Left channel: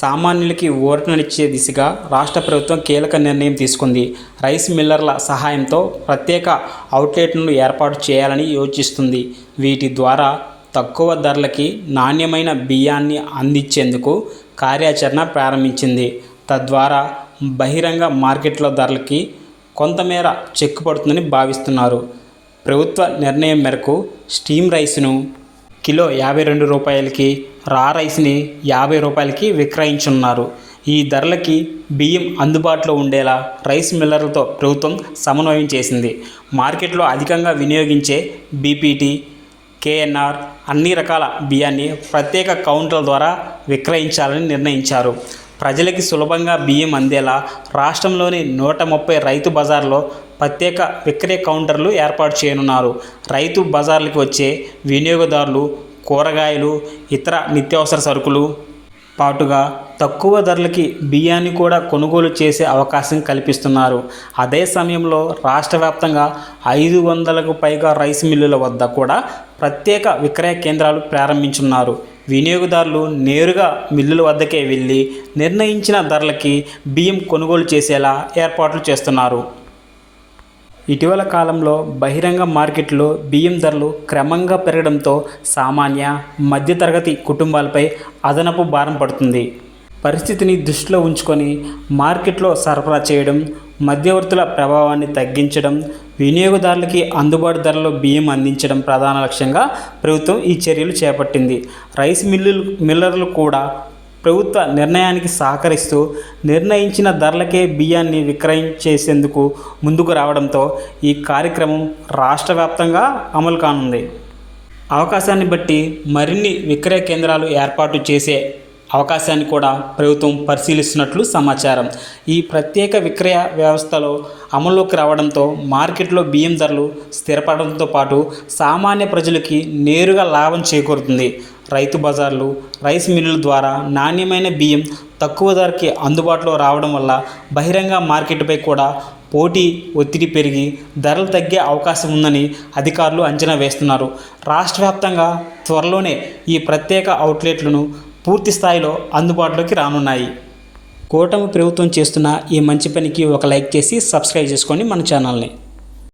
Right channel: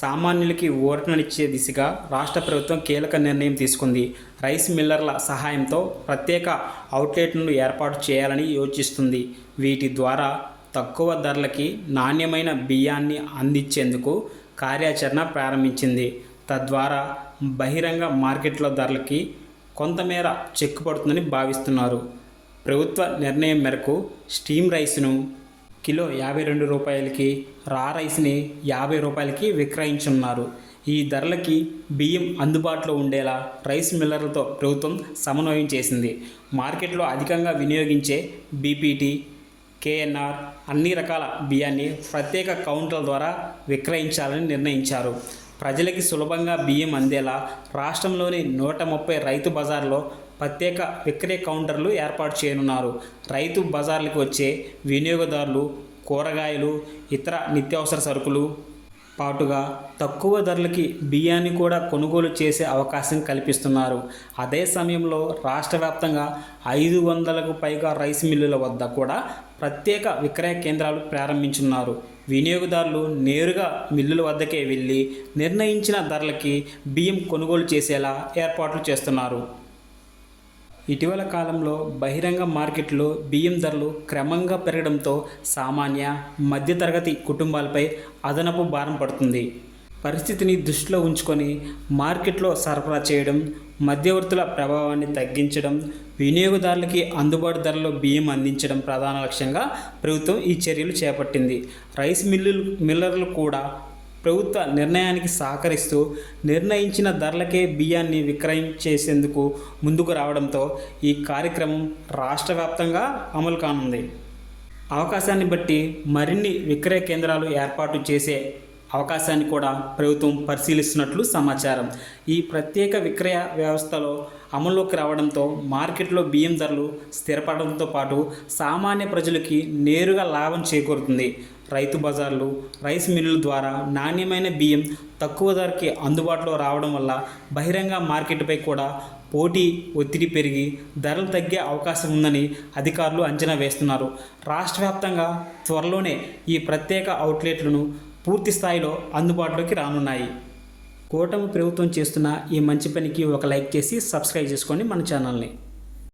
సామాన్యులకి ఊరటనిచ్చే దిశగా రాష్ట్ర ప్రభుత్వం కీలక నిర్ణయం తీసుకుంది. రైస్ మిల్లర్ల సహాయంతో ప్రత్యేక అవుట్లెట్లను ఏర్పాటు చేయాలని యోచిస్తుంది. వీటి ద్వారా తక్కువ ధరలకి నాణ్యమైన బియ్యాన్ని అందించేందుకు కార్యాచరణ ప్రారంభించింది. తద్వారా బహిరంగ మార్కెట్లో ధరలకి కొంతమేర చెక్ పడుతుందని భావిస్తున్నారు. ప్రభుత్వ నిర్ణయం మేరకు స్టీమ్ రైస్ను కిలో 52 రూపాయలకి, రా రైస్ని 50 రూపాయలకి విక్రయించనున్నారు. ఈ ధరలకి బియ్యం అందుబాటులో ఉండేలా రైస్ మిల్లర్లతో ప్రభుత్వం సమన్వయం చేసింది. మార్కెట్లో అధికంగా వినియోగించే బీపీటీ, కేఎన్ఆర్ అన్ని రకాల బియ్యాన్ని ప్రత్యేక కౌంటర్ల ద్వారా విక్రయించాలని నిర్ణయించారు. ప్రజలకి సులభంగా బియ్యం అందేలా రాష్ట్రంలోని 130 రైతు బజార్లో ప్రత్యేక విక్రయ కౌంటర్లు ఏర్పాటు చేయనున్నారు. రైతు బజార్లకు వచ్చే వినియోగదారులు కూరగాయలు, ఇతర నిత్యావసర సరుకులు పాటుగా తక్కువ ధరలకి బియ్యాన్ని కూడా కొనుగోలు చేసే అవకాశం కల్పిస్తున్నారు. అదే సమయంలో రాష్ట్ర వ్యాప్తంగా 500కు పైగా రైస్ మిల్లుల వద్ద కూడా ప్రత్యేక విక్రయ కేంద్రాలు ప్రారంభించున్నారు. వినియోగదారులు నేరుగా మిల్లుల వద్దకే వెళ్ళి నిర్ణయించిన ధరలకి బియ్యం కొనుగోలు చేసేలా ఏర్పాట్లు చేస్తున్నారు. ఇటీవల కాలంలో బహిరంగ మార్కెట్లో బియ్యం ధరలు క్రమంగా పెరగడంతో సామాన్య, మధ్యతరగతి కుటుంబాలపై అదనపు భారం పడుతుంది. పరిస్థితిని దృష్టిలో ఉంచుకొని మార్కెట్లో సరఫరా చేయడం, మధ్యవర్తుల ప్రభావాన్ని తగ్గించడం, వినియోగదారులకి అందుబాటు ధరలో బియ్యం అందించడం ప్రధాన లక్ష్యంగా ప్రభుత్వం ఈ చర్యలు చేపట్టింది. రైస్ మిల్లర్లు కూడా ప్రభుత్వ నిర్ణయానికి సహకరిస్తూ నిర్ణయించిన ధరలకే బియ్యాన్ని విక్రయించేసేందుకు ముందుకు రావడంతో ఈ కార్యక్రమం రాష్ట్ర వ్యాప్తంగా అమలు కానుంది. అవకాశాన్ని బట్టి మరిన్ని విక్రయ కేంద్రాలు ఏర్పాటు చేసే అవకాశాన్ని కూడా ప్రభుత్వం పరిశీలిస్తున్నట్లు సమాచారం. ఈ ప్రత్యేక విక్రయ వ్యవస్థలో అమల్లోకి రావడంతో మార్కెట్లో బియ్యం ధరలు స్థిరపడడంతో పాటు సామాన్య ప్రజలకి నేరుగా లాభం చేకూరుతుంది. రైతు బజార్లు, రైస్ మిల్లుల ద్వారా నాణ్యమైన బియ్యం తక్కువ ధరకి అందుబాటులో రావడం వల్ల బహిరంగ మార్కెట్పై కూడా పోటీ ఒత్తిడి పెరిగి ధరలు తగ్గే అవకాశం ఉందని అధికారులు అంచనా వేస్తున్నారు. రాష్ట్ర వ్యాప్తంగా త్వరలోనే ఈ ప్రత్యేక అవుట్లెట్లను పూర్తి స్థాయిలో అందుబాటులోకి రానున్నాయి. కూటమి ప్రభుత్వం చేస్తున్న ఈ మంచి పనికి ఒక లైక్ చేసి సబ్స్క్రైబ్ చేసుకోండి మన ఛానల్ని.